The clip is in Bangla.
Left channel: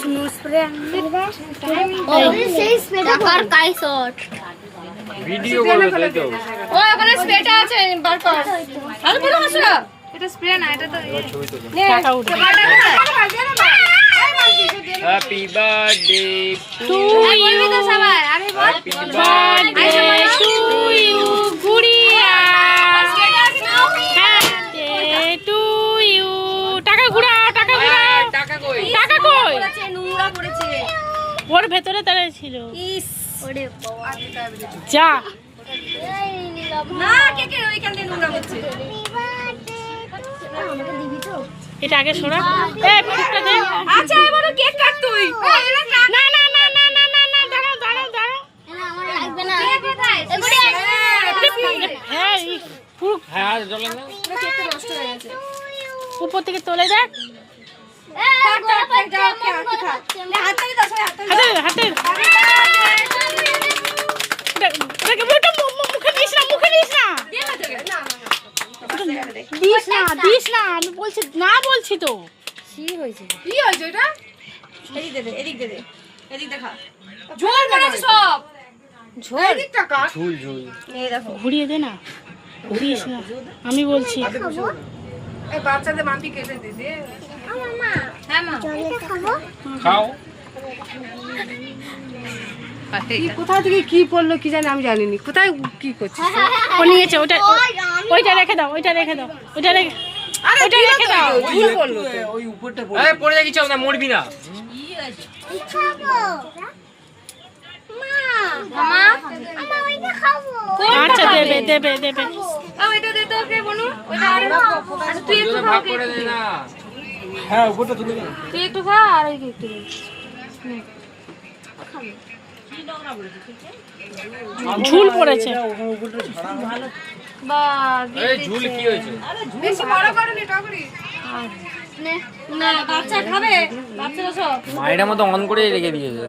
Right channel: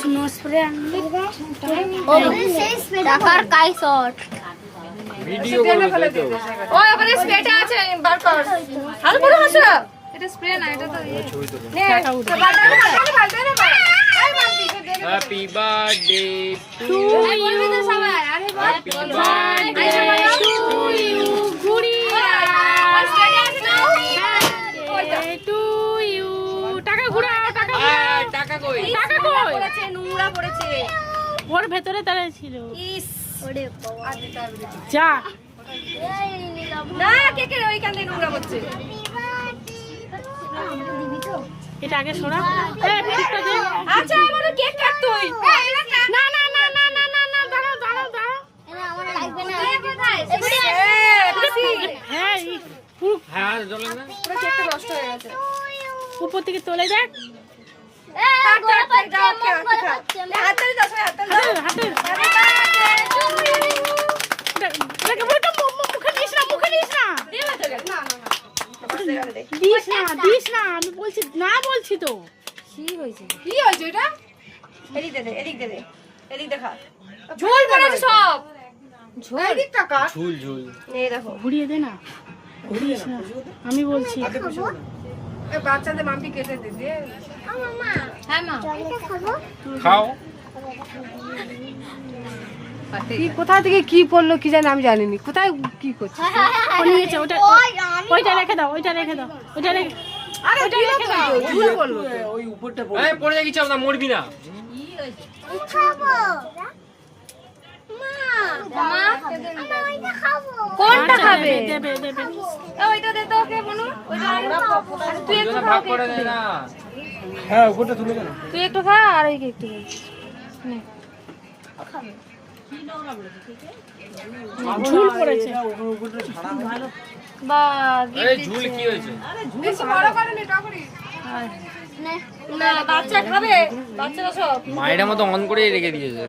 স্নো স্প্রে টাকার কাই শট ভিডিও করবে তাই তো ও এখানে স্প্রেটা আছে বার কর আর পুরো হাসরা এটা স্প্রে না, এটা তো ছবি তুলো টাকা উঠে happy birthday to you happy birthday to you Gudiya birthday to you. টাকা ঘুরা, টাকা ঘুরা, টাকা কই টাকা কই? পড়েছে নোংরা পড়েছে ওর ভেতরে তারা ছিল। ইস ওরে বাবা যা না কে ওইখান দিয়ে নোংরা হচ্ছে এটা আগে সরা। এ ফিটটা দে। আচ্ছা এবার কেক কাট তুই না না না না না না না, দাঁড়াও দাঁড়াও দাঁড়াও। আমার লাগবে না হ্যাঁ এই পুরো হ্যাঁ জ্বলে না কেকটা নষ্ট হয়ে গেছে উপর থেকে তোলে দেখ। হাততালি দাও সবাই হাততালি হাতে হাতে দেখে ওটা মুখে দিস না, মুখে দিস না, দিস না, দিস না। আমি বলছি না, বলছি তো। কি হয়েছে এটা এদিক দে এদিক দে এদিক দেখা ঝোল করেছে সব ঝোল এদিকটা কাট ঝুল ঝুল এই দেখো ঘুরিয়ে দে না, ঘুরিস না, আমি বলছি। এই বাচ্চাদের মাম্পি কেটে দে দে হ্যাঁ মা খাও কি কোথা থেকে কি পড়লো কি জানি আমি জানিনি কোথায় কি করছিস ও নিয়েছে ওটা, ওইটা রেখে দাও, ওইটা রেখে দাও, ওইটা রেখে, ওইটা রেখে দাও। ভুল করলো তো ওই উপরটা পড়ে আরে পড়ে যা কিছু হবে না মরবি না আচ্ছা দেবে দেবে দেবে। ওইটা দে তো ওকে বনু ওইটা আর তুই একটু খা ভাগ করে দে না হ্যাঁ উপরটা তুলে দে তুই একটু খা আর এই একটু ঝুল পড়েছে। বা এই ঝুল কি হয়েছে বেশি বড় করনি টকরি না বাচ্চা খাবে বাচ্চারা সব মায়ের মতো অন করে রেখে দিয়েছে